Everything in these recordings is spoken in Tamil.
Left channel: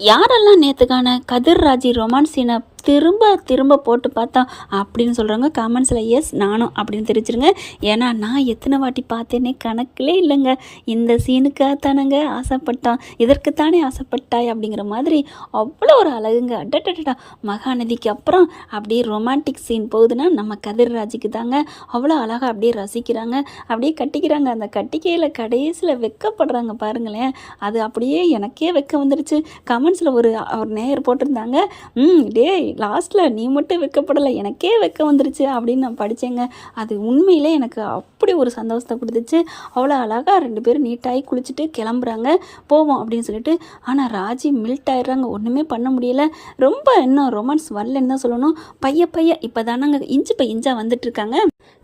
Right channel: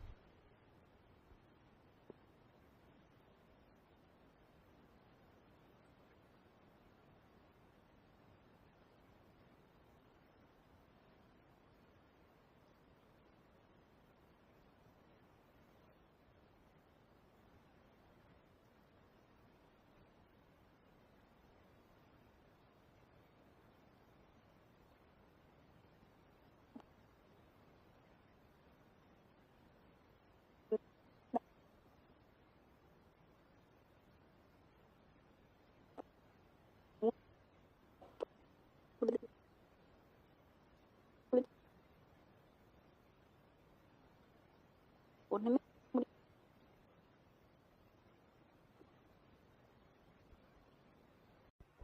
யாரெல்லாம் நேற்றுக்கான கதிர் ராஜி ரொமான்ஸ் சீனை திரும்ப திரும்ப போட்டு பார்த்தா அப்படின்னு சொல்கிறாங்க கமெண்ட்ஸில். எஸ், நானும் அப்படின்னு தெரிவிச்சிருங்க. ஏன்னா நான் எத்தனை வாட்டி பார்த்தேனே கணக்கிலே இல்லைங்க. இந்த சீனுக்காகத்தானங்க ஆசைப்பட்டான், இதற்குத்தானே ஆசைப்பட்டாய் அப்படிங்கிற மாதிரி அவ்வளோ ஒரு அழகுங்க. அடடடா, மகாநதிக்கு அப்புறம் அப்படியே ரொமான்டிக் சீன் போகுதுன்னா நம்ம கதிர் ராஜிக்கு தாங்க. அவ்வளோ அழகாக அப்படியே ரசிக்கிறாங்க, அப்படியே கட்டிக்கிறாங்க. அந்த கட்டிக்கையில் கடைசியில் வெக்கப்படுறாங்க பாருங்களேன். அது அப்படியே எனக்கே வெக்க வந்துருச்சு. கமெண்ட்ஸில் ஒரு நேயர் போட்டிருந்தாங்க, டே லாஸ்ட்டில் நீ மட்டும் வெக்கப்படலை, எனக்கே வெக்க வந்துருச்சு அப்படின்னு நான் படித்தேங்க. அது உண்மையிலே எனக்கு அப்படி ஒரு சந்தோஷத்தை கொடுத்துச்சு. அவ்வளோ அழகாக 2 பேரும் நீட்டாகி குளிச்சுட்டு கிளம்புறாங்க, போவோம் அப்படின்னு சொல்லிட்டு. ஆனால் ராஜி மில்ட் ஆயிடுறாங்க, ஒன்றுமே பண்ண முடியலை. ரொம்ப இன்னும் ரொமான்ஸ் வரலன்னு தான் சொல்லணும். பைய இப்போ தானங்க இன்ச்சு பை இன்ச்சாக வந்துட்டுருக்காங்க.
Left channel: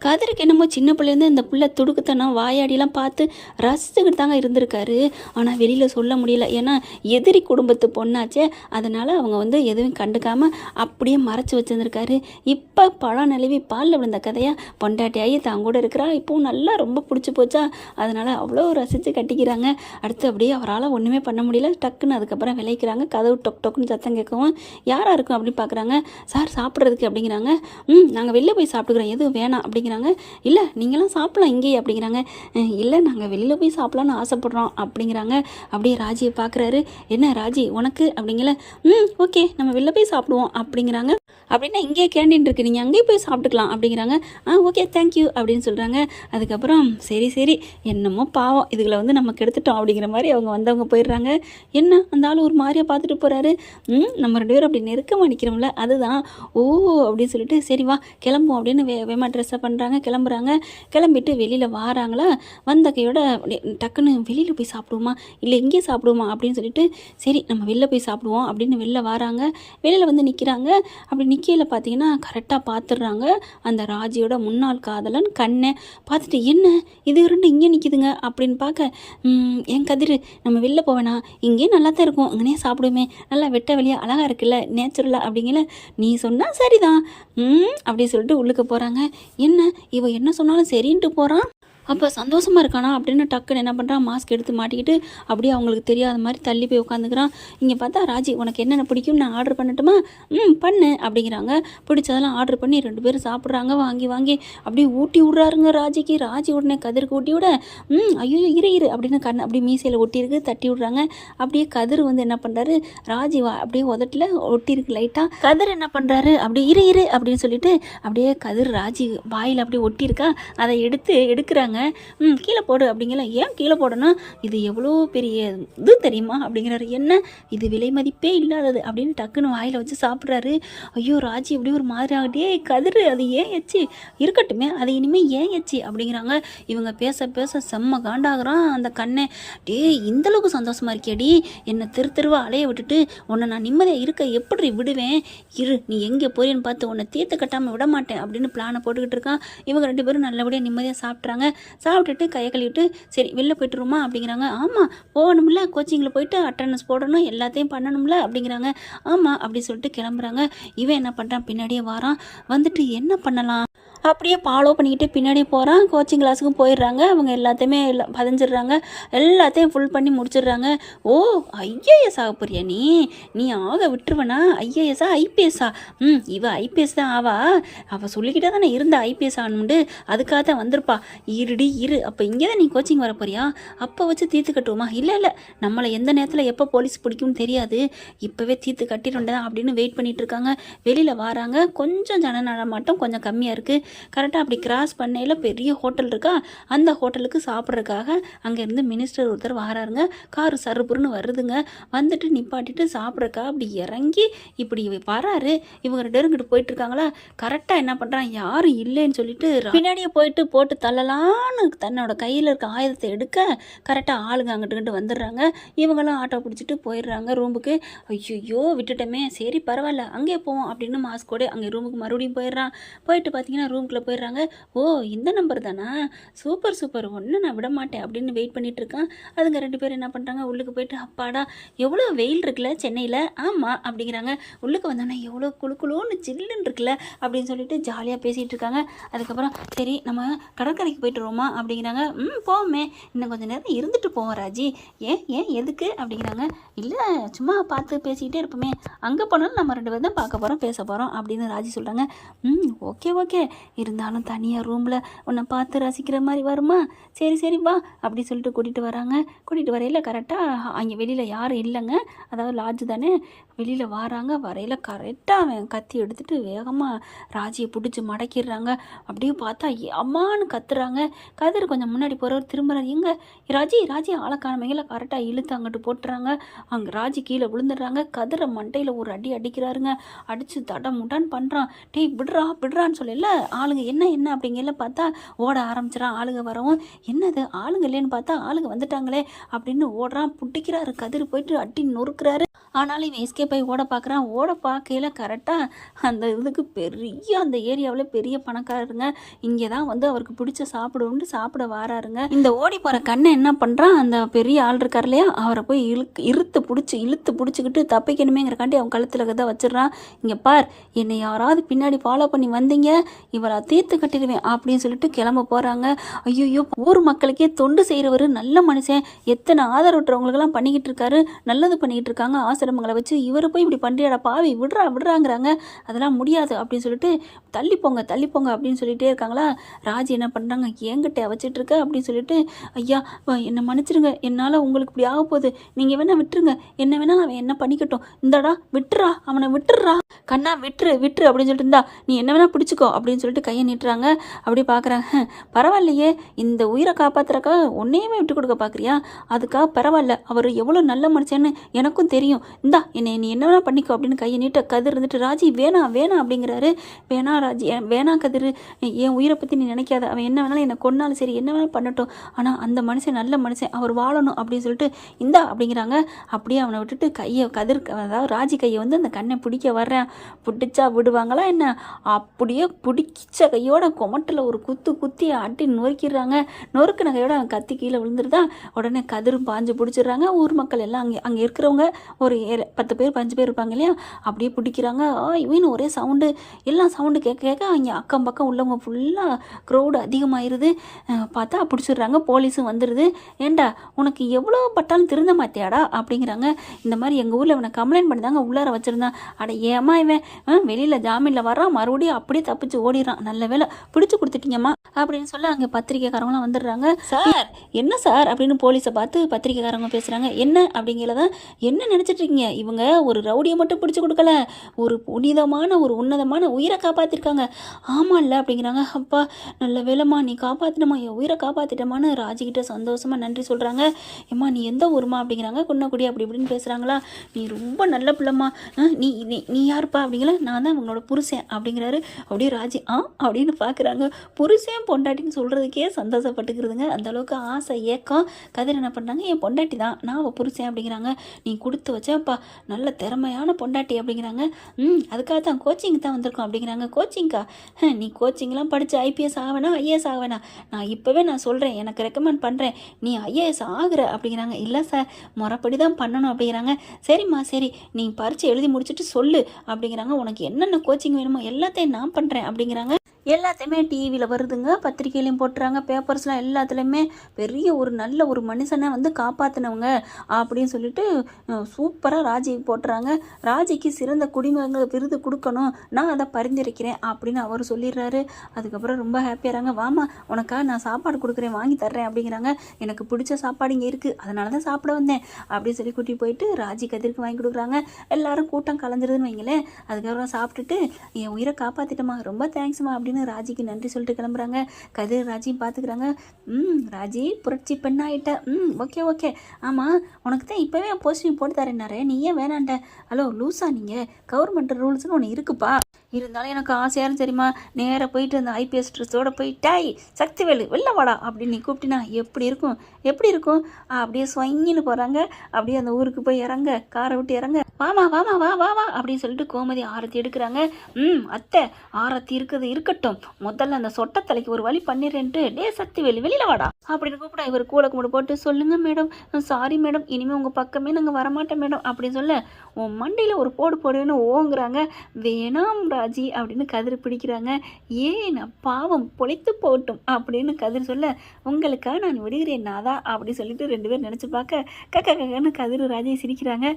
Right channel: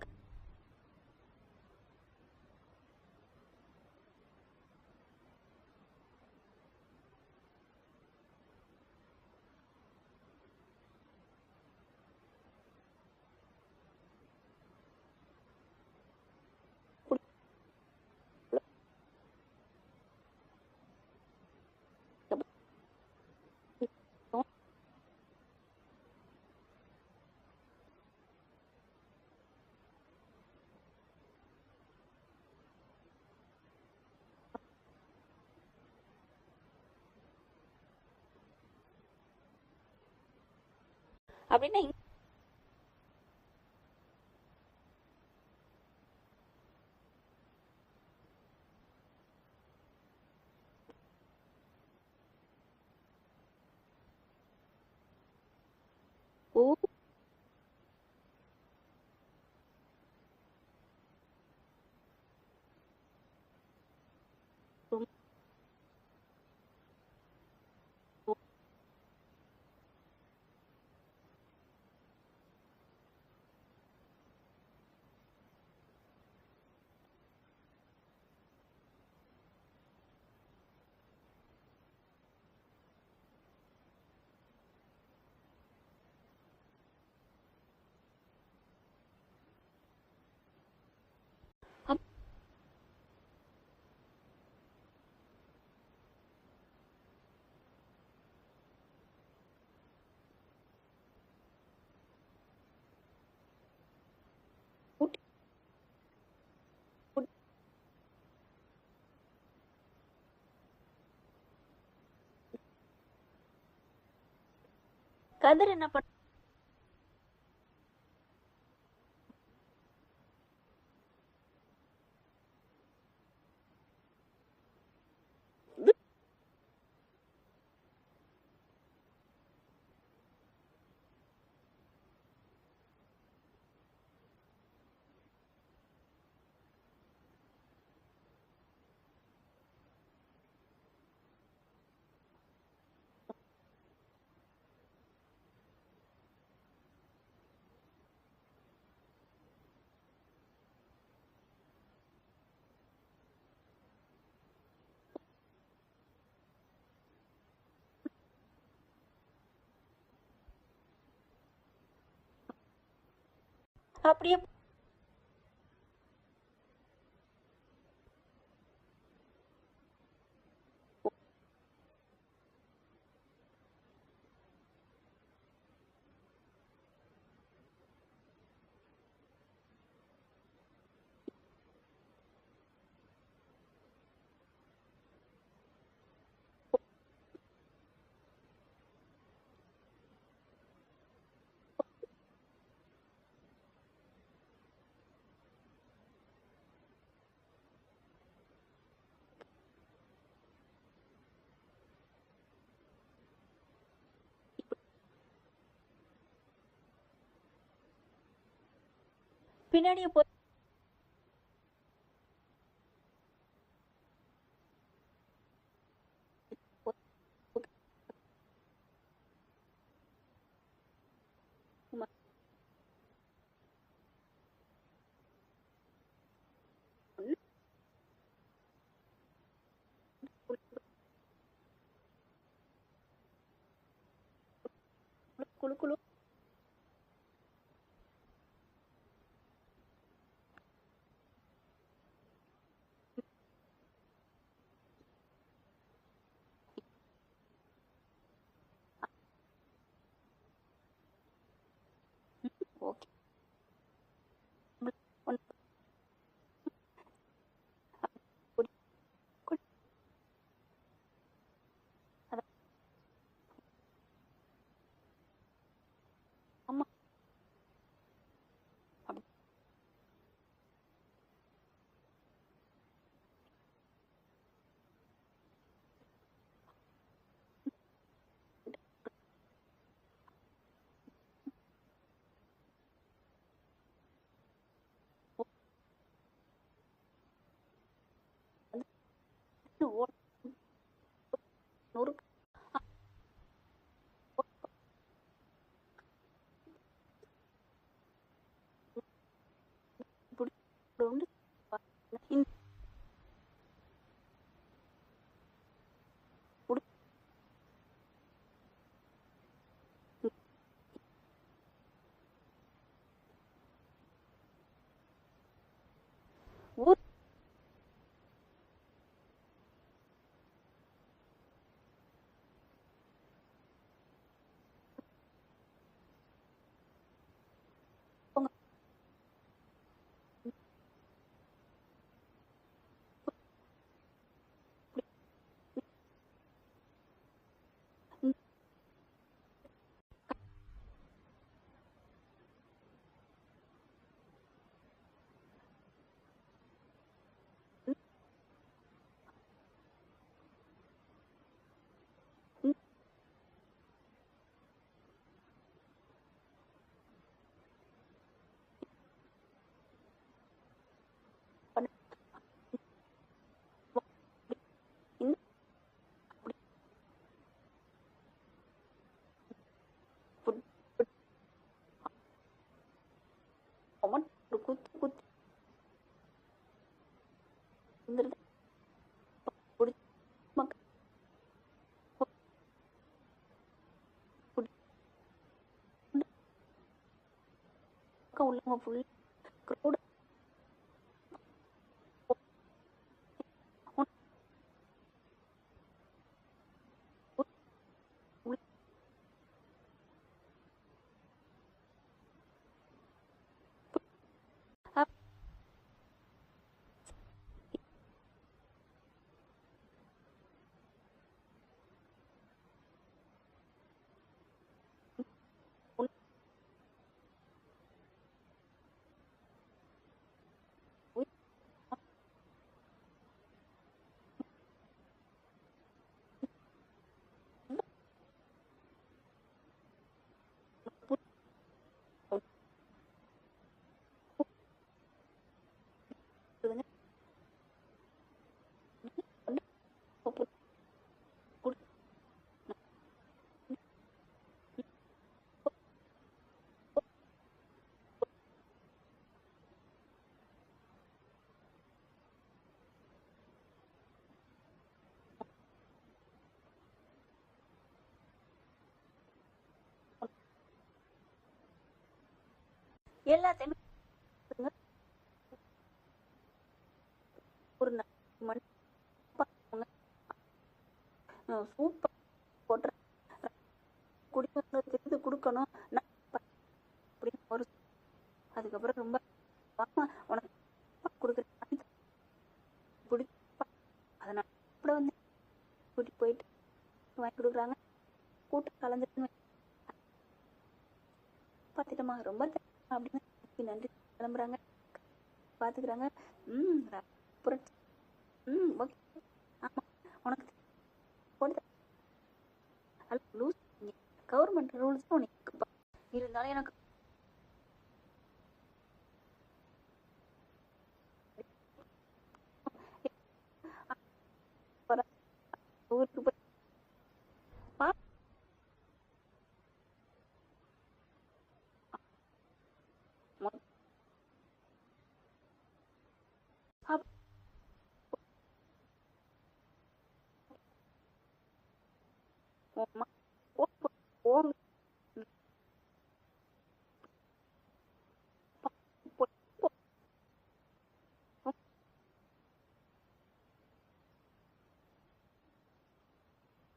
கதிருக்கு என்னமோ சின்ன பிள்ளைலேருந்து இந்த பிள்ளை துடுக்குத்தனம் வாயாடிலாம் பார்த்து ரசிச்சுக்கிட்டு தாங்க இருந்திருக்காரு. ஆனால் வெளியில் சொல்ல முடியல, ஏன்னா எதிரி குடும்பத்து பொண்ணாச்சே. அதனால் அவங்க எதுவும் கண்டுக்காமல் அப்படியே மறைச்சி வச்சுருந்துருக்காரு. இப்போ பழம் நழுவி பாலில் விழுந்த கதையாக பொண்டாட்டியாகி தான் கூட இருக்கிறா. இப்போவும் நல்லா ரொம்ப பிடிச்சி போச்சா, அதனால் அவ்வளோ ரசித்து கட்டிக்கிறாங்க. அடுத்து அப்படியே அவரால் ஒன்றுமே பண்ண முடியல. டக்குன்னு அதுக்கப்புறம் விளைக்கிறாங்க. கதவு டொக் டொக்குன்னு சத்தம் கேட்கவும் யாராக இருக்கும் அப்படின்னு பார்க்குறாங்க. சார் சாப்பிட்றதுக்கு அப்படிங்கிறாங்க. நாங்கள் வெளில போய் சாப்பிட்டுக்கிறோம், எதுவும் வேணாம் அப்படிங்கிறாங்க. இல்லை நீங்களாம் சாப்பிடலாம் இங்கேயே அப்படிங்கிறாங்க. இல்லை நாங்கள் வெளியில் போய் சாப்பிட்லான்னு ஆசைப்பட்றோம் அப்படிங்கிறாங்க. அப்படியே ராஜியை பார்க்குறாரு. என்ன ராஜி உனக்கு அப்படிங்கல. ஓகே நம்ம வெளில போய் சாப்பிடுவோம் அப்படிங்கிறாங்க. அப்படின்னா இங்கேயே கேண்டீன் இருக்குது, நீங்கள் அங்கேயே போய் சாப்பிட்டுக்கலாம் அப்படிங்கிறாங்க. ஓகே தேங்க்யூ அப்படின்னு சொல்கிறாங்க. அதுக்கப்புறம் சரி என்னமோ பாவம் இதுகளை நம்ம கெடுத்துட்டோம் அப்படிங்கிற மாதிரி அவங்க வந்தவங்க போயிடுறாங்க. என்ன அந்த ஆள் ஒரு மாதிரியாக பார்த்துட்டு போகிறாரு. நம்ம 2 பேரும் அப்படி நெருக்கமாக நிற்கிறோம்ல அதுதான். ஓ அப்படின்னு சொல்லிட்டு சரி வா கிளம்புவோம் அப்படின்னு வேமா ட்ரெஸ்ஸை பண்ணுறாங்க. கிளம்புறாங்க. கிளம்பிட்டு வெளியில் வாராங்களா, வந்த கையோட டக்குன்னு வெளியில் போய் சாப்பிடுவோமா இல்லை இங்கே சாப்பிடுவோமா அப்படின்னு சொல்லிட்டு சரி நம்ம வெளில போய் சாப்பிடுவோம் அப்படின்னு வெளில வராங்க. வெளியில் நிற்கிறாங்க. அப்படி நிற்கையில் பார்த்தீங்கன்னா கரெக்டாக பார்த்துடுறாங்க. அந்த ராஜியோட முன்னாள் காதலன் கண்ணை பார்த்துட்டு என்ன இது 2 இங்கே நிற்கிதுங்க அப்படின்னு பார்க்க, என் கதிர் நம்ம வெளில போவேனா, இங்கேயே நல்லா தான் இருக்கும், அங்கேயே சாப்பிடுமே, நல்லா வெட்ட வெளியாக அழகாக இருக்குல்ல நேச்சுரலாக அப்படிங்கல. நீ சொன்னால் சரிதான் அப்படின்னு சொல்லிட்டு உள்ளுக்க போகிறாங்க. என்ன இவ என்ன சொன்னாலும் சரின்ட்டு போகிறான். அப்போ சந்தோஷமாக இருக்கானா அப்படின்னு டக்குன்னு என்ன பண்ணுறான், மாஸ்க் எடுத்து மாட்டிக்கிட்டு அப்படியே அவங்களுக்கு தெரியாத மாதிரி தள்ளி போய் உட்காந்துக்கிறான். இங்கே பார்த்தா ராஜி உனக்கு என்னென்ன பிடிக்கும் நான் ஆர்டர் பண்ணட்டுமா, பண்ணு அப்படிங்கிறாங்க. பிடிச்சதெல்லாம் ஆர்டர் பண்ணி 2 பேரும் சாப்பிட்றாங்க. வாங்கி அப்படியே ஊட்டி விட்றாருங்க ராஜிக்கு. ராஜி உடனே கதிருக்கு ஊட்டி விட, ஐயோ இரு அப்படின்னு கண்ணு அப்படியே மீசையில் ஒட்டியிருக்கு, தட்டி விட்றாங்க. அப்படியே கதிர் என்ன பண்ணுறாரு, ராஜி அப்படியே உதட்டில் ஒட்டியிருக்கு லைட்டாக. கதிர் என்ன பண்ணுறாரு, அப்படியே இரு அப்படின்னு சொல்லிட்டு அப்படியே கதிர் ராஜி வாயில் அப்படியே ஒட்டியிருக்கா, அதை எடுக்கிறாங்க. கீழே போடு அப்படிங்கிற. ஏன் கீழே போடணும், இது எவ்வளோ பெரிய இது தெரியுமா அப்படிங்கிறாரு. என்ன இது விலை மதிப்பே இல்லாதது அப்படின்னு டக்குன்னு வாயில் வச்சு சாப்பிட்றாரு. ஐயோ ராஜி எப்படி ஒரு மாதிரி ஆகிட்டே, கதிர் அது ஏன் எச்சி இருக்கட்டுமே, அது இனிமேல் ஏன் எச்சி அப்படிங்கிறாங்க. இவங்க பேச செம்ம காண்டாகிறான் அந்த கண்ணை. இந்தளவுக்கு சந்தோஷமாக இருக்கியாடி, என்னை தெருவா அலைய விட்டுட்டு உன்னை நான் நிம்மதியாக இருக்க எப்படி விடுவேன், இரு நீ எங்கே போறேன்னு பார்த்து உன்னை தீர்த்து கட்டாமல் விட மாட்டேன் அப்படின்னு பிளானை போட்டுக்கிட்டு இருக்கான். இவங்க 2 பேரும் நல்லபடியாக நிம்மதியாக சாப்பிட்றாங்க. சாப்பிட்டுட்டு கையை கழுவிட்டு சரி வெளில போய்ட்டுருமா அப்படிங்கிறாங்க. ஆமாம் போகணும்ல, கோச்சிங்கில் போயிட்டு அட்டண்டன்ஸ் போடணும், எல்லாத்தையும் பண்ணணும்ல அப்படிங்கிறாங்க. ஆமாம் அப்படி சொல்லிட்டு கிளம்புறாங்க. இவன் என்ன பண்ணுறான், பின்னாடியே வாரான். என்ன பண்ணலாம் அப்படியே ஃபாலோ பண்ணிக்கிட்டு பின்னாடியே போகிறான். கோச்சிங் கிளாஸுக்கும் போயிடுறாங்க. அவங்க எல்லாத்தையுமே பதிஞ்சிடுறாங்க. எல்லாத்தையும் ஃபுல் பண்ணி முடிச்சிடுறாங்க. ஓ ஐஏஎஸ் ஆக போறியா நீ ஆக விட்டுருவனா, ஐஏஎஸ்ஸா ஐபிஎஸ்ஸா, இவ ஐபிஎஸ் தான் அவள் சொல்லிக்கிட்டே தானே இருந்த ஐபிஎஸ் ஆகணும்ண்டு, அதுக்காக தான் வந்திருப்பா. இரு அப்போ இங்கே தான் நீ கோச்சிங் வர போறியா, அப்போ வச்சு தீர்த்து கட்டுவோமா, இல்லை நம்மளை எந்த நேரத்தில் எப்போ போலீஸ் பிடிக்கும்னு தெரியாது, இப்போவே தீர்த்து கட்டிடுண்டா அப்படின்னு வெயிட் பண்ணிட்டு இருக்காங்க. வெளியில் வராங்க. கொஞ்சம் ஜன நடமாட்டம் கொஞ்சம் கம்மியாக இருக்குது. கரெக்டாக அப்படி கிராஸ் பண்ணையில் பெரிய ஹோட்டல் இருக்கா, அந்த ஹோட்டலுக்கு சாப்பிட்றதுக்காக அங்கேருந்து மினிஸ்டர் ஒருத்தர் வராருங்க. காரு சருப்புருன்னு வருதுங்க. வந்துட்டு நிப்பாட்டிட்டு சாப்பிட்றக்கா அப்படி இறங்கி இப்படி வராரு. இவங்க 2 பேரும் கிட்ட போயிட்டு இருக்காங்களா, கரெக்டாக என்ன பண்ணுறான், யாரும் இல்லைன்னு சொல்லிட்டு பின்னாடியே போட்டு தள்ளலான்னு தன்னோட கையில் இருக்க ஆயுதத்தை எடுக்க கரெக்டாக ஆளுங்க அங்கிட்டு வந்துடுறாங்க. இவங்களும் ஆட்டோ பிடிச்சிட்டு போயிடுறாங்க ரூமுக்கு. ஐயோ விட்டுட்டோமே, சரி பரவாயில்ல அங்கேயே போவோம் அப்படின்னு மாஸ்கோடு அங்கே ரூமுக்கு மறுபடியும் போயிடுறான். போயிட்டு பார்த்தீங்கன்னா ரூம்குள்ளே போயிடுறாங்க. ஓ இந்த நம்பர் தானா, சூப்பர் சூப்பர், ஒன்று நான் விட மாட்டேன் அப்படின்னு வெயிட் பண்ணிட்டு இருக்கான். அதுங்க 2 பேரும் என்ன பண்ணுறாங்க, உள்ளுக்கு போயிட்டு அப்பாடா எவ்வளோ வெயில் இருக்குல்ல சென்னையில், ஆமாம் அப்படிங்கிறாங்க. உள்ளுக்கு வந்தோன்னே எவ்வளோ குளுன்னு சில்லுன்னு இருக்குல்ல அப்படின்னு சொல்லிட்டு ஜாலியாக பேசிகிட்டு இருக்காங்க. அதுக்கப்புறம் சரி நம்ம கடற்கரைக்கு போயிட்டு வருவோமா அப்படிங்கிறாங்க. போவோமே, இன்னும் கொஞ்சம் நேரம் இருந்துட்டு போவோம் ராஜி. ஏன் ஏன் எதுக்கு அப்படிங்கிறாங்க. இல்லை சும்மா பார்த்து பேசிக்கிட்டே இருப்போமே, அங்கே போனாலும் நம்ம 2 பேரும் தான் பார்க்க போகிறோம் பேச போகிறோம் அப்படின்னு ராஜி சொல்கிறாங்க. ஓகே ஓகே, இருந்தாலும் தனியாக ரூமில் உன்னை பார்த்து ரசிக்கிற மாதிரி வருமா, சரி சரி வா அப்படி சொல்லிட்டு கூட்டிகிட்டு வராங்க. கூட்டிகிட்டு வரையில் கரெக்டாக அங்கே வெளியில் யாரும் இல்லைங்க, அதாவது லாட்ஜு தானே. வெளியில் வராங்க, வரையில் கரெக்டாக அவன் கத்தி எடுத்துகிட்டு வேகமாக ராஜியை பிடிச்சி மடக்கிடுறாங்க. அப்படியே பார்த்தா அம்மானு கத்துறாங்க. கதிர் கொஞ்சம் முன்னாடி போகிறவர் திரும்புறாரு, எங்க ராஜி ராஜி ஆளக்கானமைகளை கரெக்டாக இழுத்து அங்கிட்டு போட்டுறாங்க. அங்கே ராஜி கீழே விழுந்துடுறாங்க. கதிரை மண்டையில் ஒரு அடி அடிக்கிறாருங்க. அடித்து தட முட்டான்னு பண்ணுறான். டேய் விடுறான்னு சொல்லல. ஆளுங்க என்ன அப்படிங்கல பார்த்தா ஓட ஆரம்பிச்சிடான். ஆளுங்க வரவும் என்னது ஆளுங்க இல்லைன்னு பார்த்தா ஆளுங்க வந்துட்டாங்களே அப்படின்னு ஓடுறான். புட்டிக்கிறாரு. கதிர் போயிட்டு அட்டி நொறுக்கிறாரு. ஆனாலும் இவன் எஸ்கேப் ஆகி ஓட பார்க்குறான். ஓட பார்க்கையில் கரெக்டாக அந்த இதுக்கு பெரிய அந்த ஏரியாவில் பெரிய பணக்காரருங்க. இங்கே தான் வந்து அவருக்கு பிடிச்ச சாப்பிட வாராருங்க. இந்த ஓடி போகிற கண்ணை என்ன பண்ணுறான், அந்த பெரிய ஆள் இருக்கார் இல்லையா, அவரை போய் இழுத்து பிடிச்சிக்கிட்டு தப்பிக்கணுமேங்கிறக்காண்டி அவன் கழுத்தில் தான் வச்சிடறான். இங்கே பார், என்னை யாராவது பின்னாடி ஃபாலோ பண்ணி வந்தீங்க இவரை தீர்த்து கட்டிடுவேன் அப்படின்னு சொல்லிட்டு கிளம்ப போகிறாங்க. ஐயோ, ஊர் மக்களுக்கே தொண்டு செய்கிறவர், நல்ல மனுஷன், எத்தனை ஆதரவற்றவங்களுக்கெல்லாம் பண்ணிக்கிட்டு இருக்காரு, நல்லது பண்ணிக்கிட்டு இருக்காங்க ஆசிரமங்களை வச்சு. இவர் போய் இப்படி பண்ணியாடா பாவி, விடுறாங்கிறாங்க. அதெல்லாம் முடியாது அப்படின்னு சொல்லிட்டு தள்ளி போங்க அப்படின்னு சொல்லிட்டே இருக்காங்களா. ராஜி என்ன பண்ணுறாங்க, என்கிட்ட வச்சிட்டு இருக்க அப்படின்னு சொல்லிட்டு, ஐயா என்னை மன்னிச்சிருங்க, என்னால் உங்களுக்கு இப்படி ஆக போகுது, நீங்கள் வேணா விட்டுருங்க, என்ன வேணா அவன் என்ன பண்ணிக்கட்டும், இந்தாடா அவனை விட்டுறா கண்ணா, விட்டுரு அப்படின்னு சொல்லிட்டு, இருந்தா நீ என்ன வேணா பிடிச்சிக்கோ அப்படின்னு சொல்லிட்டு கையை நீட்டுறாங்க. அப்படி பார்க்குறாங்க. பரவாயில்லையே, இந்த உயிரை காப்பாத்துறக்கா ஒன்னையுமே விட்டு கொடுக்க பார்க்குறியா, அதுக்காக பரவாயில்ல, அவர் எவ்வளோ நல்ல மனுஷன்னு எனக்கும் தெரியும், இந்தா என்னை நீ என்ன வேணா பண்ணிக்கோ அப்படின்னு கையை நீட்ட. கதிர் இருந்துட்டு ராஜி வேணாம் அப்படிங்கிறாரு. வேணா ராஜி, வேணா கதிர், என் உயிரை பற்றி நீ நினைக்காத, அவன் என்ன வேணாலும் என்னை கொன்னாலும் சரி, என்ன வேணாலும் பண்ணட்டும், ஆனால் அந்த மனுஷன் நல்ல மனுஷன், அவர் வாழணும் அப்படின்னு சொல்லிட்டு இந்தா அப்படிங்கிறாங்க. அப்படியே அவனை விட்டுட்டு கையை அதாவது ராஜி கையை வந்து அந்த கண்ணை பிடிக்க வர்றேன். பிடிச்சா விடுவாங்களா என்ன, அப்படியே பிடிச்ச கையோட கொமட்டில் ஒரு குத்தி அட்டி நொறுக்கிடுறாங்க. நொறுக்கின கையோட அவன் கத்தி கீழே விழுந்துருதா. உடனே கதிரும் பாஞ்சு பிடிச்சிடுறாங்க. ஊர் மக்கள் எல்லாம் அங்கே இருக்கிறவங்க ஒரு 10 பேர் 5 பேர் இருப்பாங்க இல்லையா, அப்படியே பிடிக்கிறாங்க. இவனு ஒரே சவுண்டு, எல்லாம் சவுண்டு கேட்க அங்கே அக்கம் பக்கம் உள்ளவங்க ஃபுல்லாக க்ரௌடு அதிகமாகிடுது. பார்த்தா பிடிச்சிடுறாங்க. போலீஸும் வந்துடுது. ஏண்டா உனக்கு எவ்வளோ பட்டாலும் திருந்த மாத்தியாடா அப்படிங்கிறாங்க. இந்த மாதிரி எங்கள் ஊரில் இவனை கம்ப்ளைண்ட் பண்ணி தாங்க உள்ளார வச்சுருந்தான். அட ஏமா இவன் வெளியில் ஜாமீனில் வரான், மறுபடியும் அப்படியே தப்பிச்சு ஓடிடுறான், நல்ல வேலை பிடிச்சி கொடுத்துட்டீங்கம்மா அப்படின்னு சொல்லி அங்கே பத்திரிக்கைக்காரங்களாம் வந்துடுறாங்க. சார் என்ன சார் அப்படின்னு போலீஸை பார்த்து பத்திரிக்கைக்காரங்க பேசுகிறாங்க. என்ன அப்படிங்கிறத என்ன நினச்சிட்டு இருக்கீங்க, இவங்க ஒரு ரவுடியை மட்டும் பிடிச்சி கொடுக்கல, ஒரு புனிதமான ஒரு உன்னதமான உயிரை காப்பாற்றிருக்காங்க. ஆமாம் இல்லை அப்படிங்கிறாங்க. அப்பா நல்ல வேலைம்மா, நீ காப்பாற்றினம்மா, என் உயிரை காப்பாற்றிட்டமான்னு ராஜிக்கிட்ட சந்தோஷமாக நன்றி சொல்கிறாங்க. ஏம்மா நீ எந்த ஊருமா அப்படிங்கிறாங்க. குன்னக்குடி அப்படி இப்படின்னு பேசுகிறாங்களா. நீ ரொம்ப நல்ல பிள்ளைம்மா, நீ நீ யாருப்பா அப்படிங்கிற. நான் தான் உங்களோட புருஷன் அப்படிங்கிறாரு. அப்படியே ராஜி அப்படின்னு பார்க்குறாங்க. புருஷன் பொண்டாட்டின்னு சொல்கிறதுக்கே சந்தோஷப்பட்டுக்கிறதுங்க. அந்தளவுக்கு ஆசை ஏக்கம். கதிர் என்ன பண்ணுறாங்க, என் பொண்டாட்டி தான், நான் அவள் புருஷன் அப்படிங்கிறாங்க. நீ கொடுத்து வச்சப்பா நல்ல திறமையான பொண்டாட்டி அப்படிங்கிறாங்க. அதுக்காக தான் கோச்சிங் தான் வந்திருக்கோம் அப்படிங்கிறாங்க. கோச்சிங்க்கா, நீ கோச்சிங்லாம் படித்து ஐபிஎஸ் ஆகவேணா ஐஏஎஸ் ஆகவேணா, நான் இப்போவே நான் சொல்கிறேன், எனக்கு ரெக்கமெண்ட் பண்ணுறேன், நீ ஐஏஎஸ் ஆகுற அப்படிங்கிறாங்க. இல்லை சார் முறைப்படி தான் பண்ணணும் அப்படிங்கிறாங்க. சரிம்மா சரி, நீ பரீட்சை எழுதி முடிச்சுட்டு சொல்லு அப்படிங்கிறாங்க. உனக்கு என்னென்ன கோச்சிங் வேணுமோ எல்லாத்தையும் நான் பண்ணுறேன் அப்படிங்கிறாங்க. எல்லாத்தையுமே டிவியில் வருதுங்க, பத்திரிக்கையிலையும் போட்டுறாங்க, பேப்பர்ஸ்லாம் எல்லாத்துலேயுமே பெரிய ஒரு நல்ல ஒரு மனுஷனை வந்து காப்பாற்றினவங்க அப்படின்னு சொல்லிட்டு சூப்பராக ராஜிக்கு போட்டுறாங்க. ராஜிக்கு சிறந்த குடிமகன்கள் விருது கொடுக்கணும், நான் அதை பரிந்துரைக்கிறேன் அப்படின்னு அவர் சொல்லிடுறாரு. அதுக்கப்புறம் ரொம்ப ஹாப்பியாகிறாங்க. வாமா உனக்காக நான் சாப்பாடு கொடுக்குறேன், வாங்கி தர்றேன் அப்படிங்கிறாங்க. எனக்கு பிடிச்ச சாப்பாடு இங்கே இருக்குது, அதனால தான் சாப்பிட வந்தேன் அப்படின்னு சொல்லி கூட்டி போயிட்டு ராஜி கதிருக்கு வாங்கி கொடுக்குறாங்க. எல்லாரும் கூட்டம் கலந்துருதுன்னு வைங்களேன். அதுக்கப்புறம் சாப்பிட்டுட்டு என் உயிரை காப்பாற்றிட்டமா, ரொம்ப தேங்க்ஸ்மா அப்படின்னு ராஜிக்கு நன்றி சொல்லிட்டு கிளம்புறாங்க. கதிர் ராஜியும் பார்த்துக்கிறாங்க. ராஜி புரட்சி பெண்ணாயிட்ட, ஓகே ஆமாம் உனக்கு தான் இப்போவே போஸ்டிங் போட்டு தரேன்னாரே, நீ ஏன் வேணாண்ட? ஹலோ லூஸா, நீங்கள் கவர்மெண்ட் ரூல்ஸ்னு ஒன்று இருக்குப்பா, இருந்தாலும் எனக்கு ஆசையாரும் சரிம்மா, நேராக போயிட்டு அந்த ஐபிஎஸ் ட்ரெஸ்ஸோடு போயிட்டாய் சக்திவேலு வெளில வாடா அப்படின்னு நீ கூப்பிட்டினா எப்படி இருக்கும் அப்படியே ஸ்வங்கின்னு போகிறாங்க. அப்படியே அந்த ஊருக்கு போய் இறங்க, காரை விட்டு இறங்க. வாமா வாமா வா வா வா அப்படின்னு சொல்லிட்டு கோமதி ஆரத்தி எடுக்கிறாங்க. அத்தை ஆரத்தி இருக்குது இருக்கட்டும், முதல்ல அந்த சொட்ட தலைக்கு ஒரு வழி பண்ணிடுறேன்ட்டு, டே சக்திவேல் வெளியில வாடா அப்படின்னு கூப்பிட இவர் கூடை கும்பிடு போட்டு, சொல்லுங்க மேடம், சாரி மேடம், இனிமேல் உங்கள் பக்கமே நாங்கள் வரமாட்டோம் மேடம் அப்படின்னு சொல்ல, உன் மண்டையில் ஒரு போடு போடுன்னு ஓங்குறாங்க. வேணாம் ராஜி அப்படின்னு கதிர் பிடிக்கிறாங்க. ஏன் பாவம் பொழைத்து போட்டும் அப்படின்னு கதிர் சொல்ல, உங்களுக்காக நான் விடுகிறேன் நாதா அப்படி சொல்லிட்டு 2 பேர் நினச்சி பார்க்க கக்கன்னு கதிர் ராஜி சிரிக்கிறாங்க.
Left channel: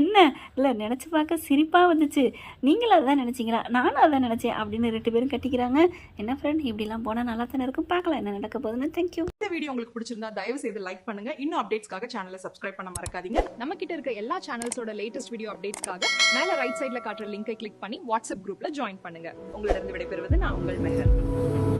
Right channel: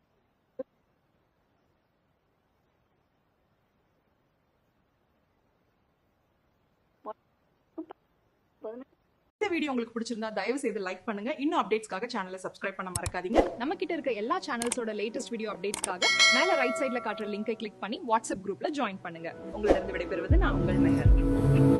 என்ன இல்லை நினச்சி பார்க்க சிரிப்பாக வந்துச்சு, நீங்களும் அதான் நினச்சிங்களா, நானும் அதான் நினச்சேன் அப்படின்னு 2 பேரும் கட்டிக்கிறாங்க. என்ன ஃப்ரெண்ட், இப்படிலாம் போனால் நல்லா தானே இருக்கும், பார்க்கலாம் என்ன நடக்க போகுதுன்னு. தேங்க்யூ. இந்த வீடியோ உங்களுக்கு பிடிச்சிருந்தா தயவு செய்து லைக் பண்ணுங்க. இன்னும் அப்டேட்ஸ்க்காக சேனலை சப்ஸ்கிரைப் பண்ண மறக்காதீங்க. நம்ம கிட்ட இருக்க எல்லா சேனல்ஸோட லேட்டஸ்ட் வீடியோ அப்டேட்ஸ்க்காக மேல ரைட் சைடுல காட்டுற லிங்கை கிளிக் பண்ணி வாட்ஸ்அப் குரூப்ல ஜாயின் பண்ணுங்க. உங்களிடம் விடைபெறுவது நான் உங்கள் மெஹர்.